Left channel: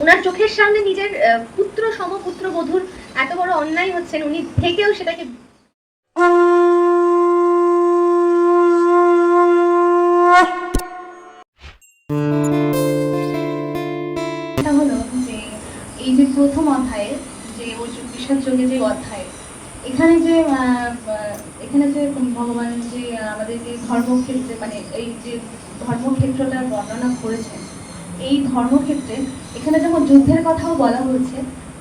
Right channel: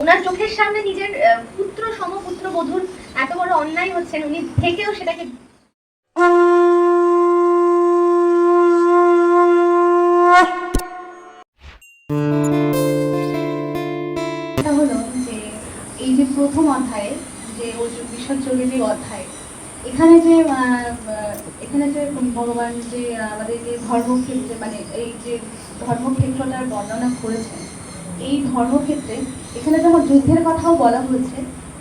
ওনার চোখের সামনে নিজের পুত্র সমপুত্র বধূর এত বড় অন্যায় হচ্ছেন, উনি থেকেও সেটাকে হলো যে এই যে প্রথম অধ্যায়ে যে বিষাদ যোগে যে অধ্যায়, এখানে যে ভগবান যে আমাদেরকে ধর্মক্ষেত্রে মানে এই যে ধর্মক্ষেত্রটার বর্ণনা করেছেন, এই ধর্মক্ষেত্রে এখানে যখন যুদ্ধের কথাও বলা হয়েছে,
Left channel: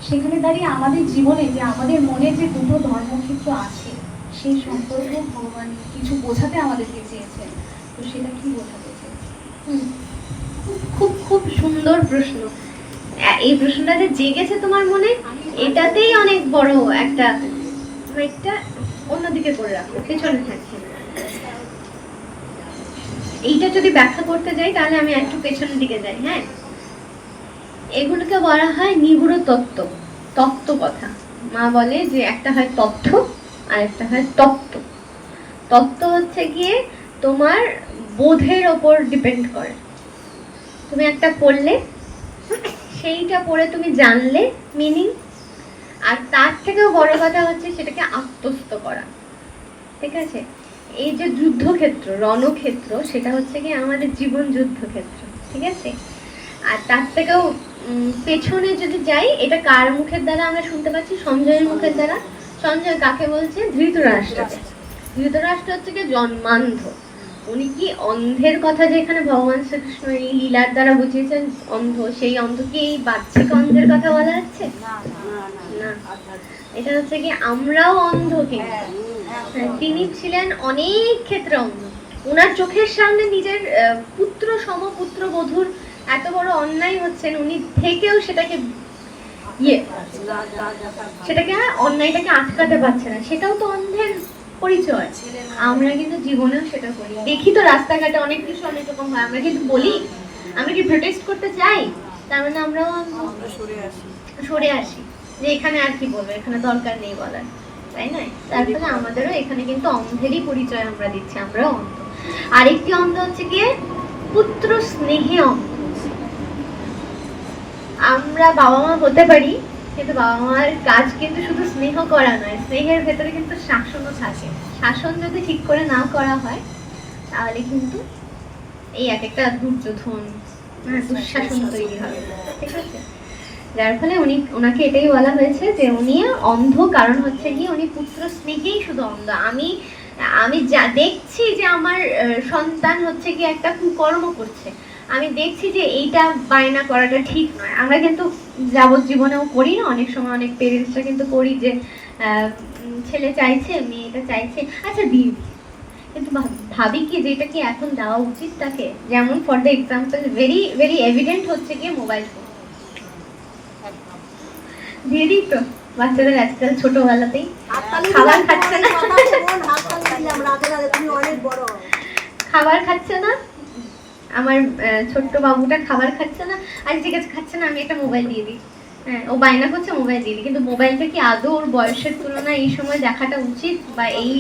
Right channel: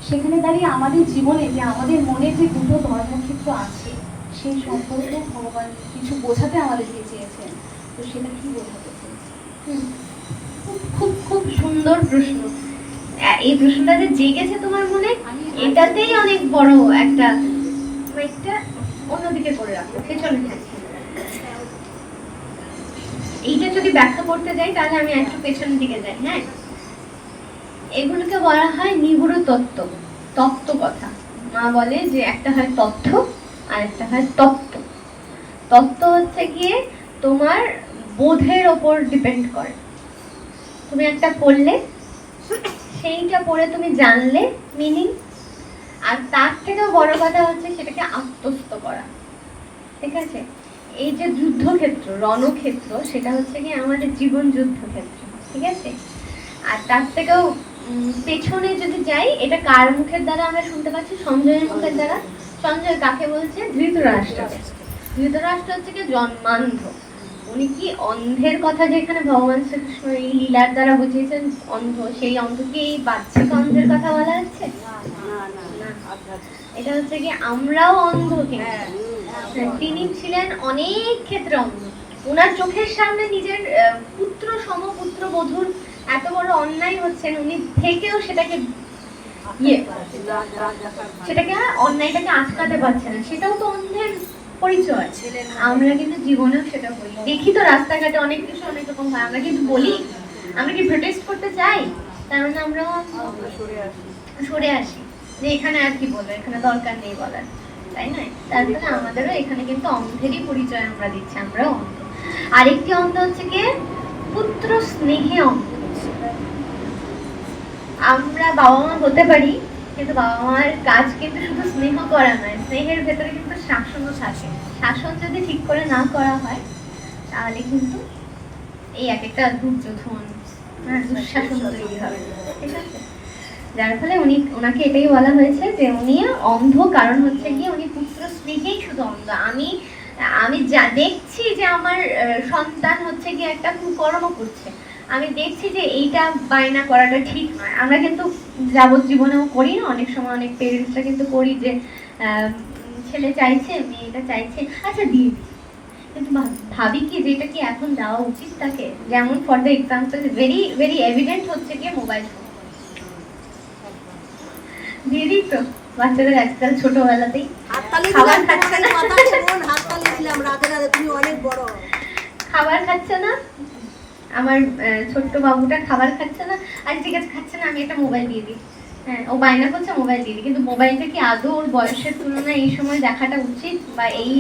সেখানে দাঁড়িয়ে আমাদের জীবনে যে আমাদের মনে যে দুটো ধর্মক্ষেত্র আছে সেই সম্পর্কে ভগবান কিছু বোঝাতে আমাদেরকে চেয়েছেন। তো সেটা কি বোঝাতে চেয়েছেন? খুব খুব সুন্দর প্রশ্ন। এই প্রশ্নটা যে জেগেছে তোমার মনে, এটাতেই অনেক বড় একটা অন্যদিকে করে রাখো, পেছনে থাকছে। এইটা যদি ব্যাখ্যা করতে যাই তাহলে আমি একটু পেছনের দিকে যাই। হ্যাঁ, এগুলোকে বলা হয় নিগুড় তত্ত্ব, তত্ত্ব কথা। মা বলে যে একটা হয় তথ্য আর একটা হয় তত্ত্ব। তত্ত্ব হচ্ছে গিয়ে তোমার বোধের ওপর ডিপেন্ড করে। তুমি একটা পড়লে, সেইটা পড়ে তুমি জানলে মিনিং, আর তার থেকেও বড় কথা হচ্ছে সেটাকে আত্মস্থ করা। ঠিক আছে? এই যে যুদ্ধক্ষেত্র, রণক্ষেত্র, সেটা হচ্ছে কি আমাদের জীবন যুদ্ধক্ষেত্র। ঠিক আছে? আর তার থেকেও পেছনে যদি যাই, এটা কার মুখের দ্বারা আমরা শুনতে পাচ্ছি? সঞ্জয়ের মুখের দ্বারা। সঞ্জয় কাকে বলছে? ধৃতরাষ্ট্রকে। ধৃতরাষ্ট্র হচ্ছে কি জন্মান্ধ। উনি কি অন্ধের কথা যে এখানে ভগবান শ্রীকৃষ্ণ এই লীলার দ্বারা বুঝিয়েছেন অন্ধ, সেই অন্ধ কি এই বাচ্চাকে অন্ধের কথা বলা হচ্ছে? না, এটা হচ্ছে কি আমরাও অন্ধ, কিন্তু তিনি ছিলেন অনেক ক্ষেত্রে অন্ধ। ওনার চোখের সামনে নিজের পুত্র সমপুত্র বধূর এত বড় অন্যায় হচ্ছেন, উনি থেকেও সেটাকে অন্যায়টাকে আটকাতে পারছে না। সেটাও তো অন্ধের পরিচয়। আমরা কিন্তু জীবনেও সেটা করি, দেখি তো রাস্তাঘাটে অনেক কিছু অনেক রকম হয়, আমরা কিন্তু বলি। আমরা কি প্রোটেস্ট করতে চাই? তার মানে আমরাও সরে আসি যে এখানে আর কি বলবো, এখানে দরকার নেই বলার, তাই না? তার ফলে আমাদেরও এখানে কিন্তু অন্ধেরই পরিচয় আমরা দিচ্ছি, আমরাও অন্ধ। আরেকটি অন্ধ হচ্ছে গিয়ে পুত্র স্নেহে অন্ধ। আমরা বাবা মা হতে পারি, কিন্তু বাবা মার কাজ কিন্তু শুধু স্নেহ করা নয়, স্নেহের ভেতরে কিন্তু শাসনও থাকে। শাসন যদি ঠিক করে না করা হয় তাহলে কিন্তু এই এক একটা দুর্যোধন, দুঃশাসন তৈরি হবে। ঠিক আছে? যার ফলে ওনাকে এটাই বলা হয়েছে যে উনি অন্ধ, কারণ হচ্ছে গিয়ে উনি পুত্র স্নেহেই শুধু অন্ধ। আমি যা দেখছি যে আমার সন্তান হচ্ছে গিয়ে একটা কুকর্ম করছে, আমি দেখছি যে এইটা বায়না করাটা ঠিক নয়। আমরা কিন্তু যাবজ্জীবনেও করি না, অনেক সময় অনেক পেরেন্টসরা কিন্তু করি যে ছেলে চাইছে, মেয়েটা চাইছে, আচ্ছা দিই, কিন্তু ভাবি কি যে এটা কি এখন দেওয়া উচিত তাকে? যেমন for the example, very very evident হচ্ছে গিয়ে মোবাইল ফোন দিয়ে দিই তো বাচ্চাদের আজকাল ছোটবেলাতেই খাবার খাচ্ছে না, খাবার খাচ্ছে না, আমার ছোট্ট বাবুটা খাবার খাচ্ছে না, আর ঠিক আছে খাচ্ছে না, আমি একটা মোবাইল দিয়ে দিই। হ্যাঁ, ও বায়না করছে, মোবাইল দিয়ে দিই। কিন্তু মোবাইলটা কি আদৌ ওর বয়সের তুলনায় এই সময় দেখাটা উচিত বা এই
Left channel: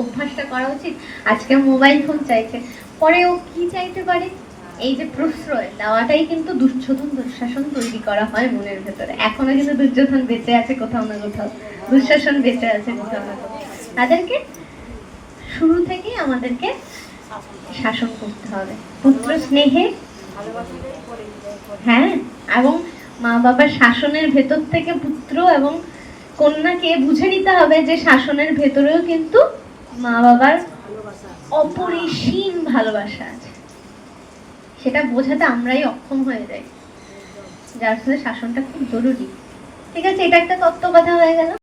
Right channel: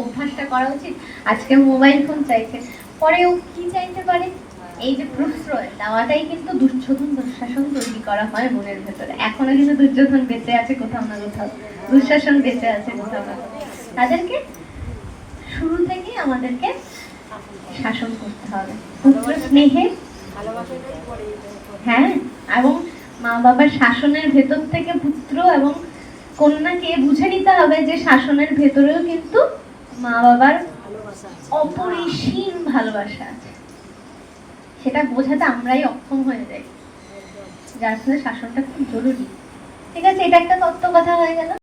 অভ্যাসটা করা উচিত? আজকে মোবাইল ফোন চাইছে, পরে ও কি চাইতে পারে? এই যে প্রশ্রয় দেওয়াটাই কিন্তু দুর্যোধন দুঃশাসন তৈরি করা হয় মনের ভেতরে। এখনো কিন্তু দুর্যোধন বেঁচে আছে কোথাও না কোথাও, দুঃশাসন বেঁচে আছে কোথাও না কোথাও। তাদেরকে শুরু থেকেই আমাদেরকে শাসন করতে হবে পুত্র স্নেহে। হ্যাঁ, এবং মা বাবার শাসনের ভেতর থেকে পুত্র এবং কন্যাকে বুঝে নিতে হবে যে শাসনের ভেতরেও কিন্তু মা বাবার অপরিসীম ভালোবাসা আছে। সেটা বোঝাতে আমরাই অক্ষম হয়ে যাই, যার ফলে শাসনটা খুব জরুরি। ঠিক আছে, এটা একটা তত্ত্ব কথা হয়ে গেল।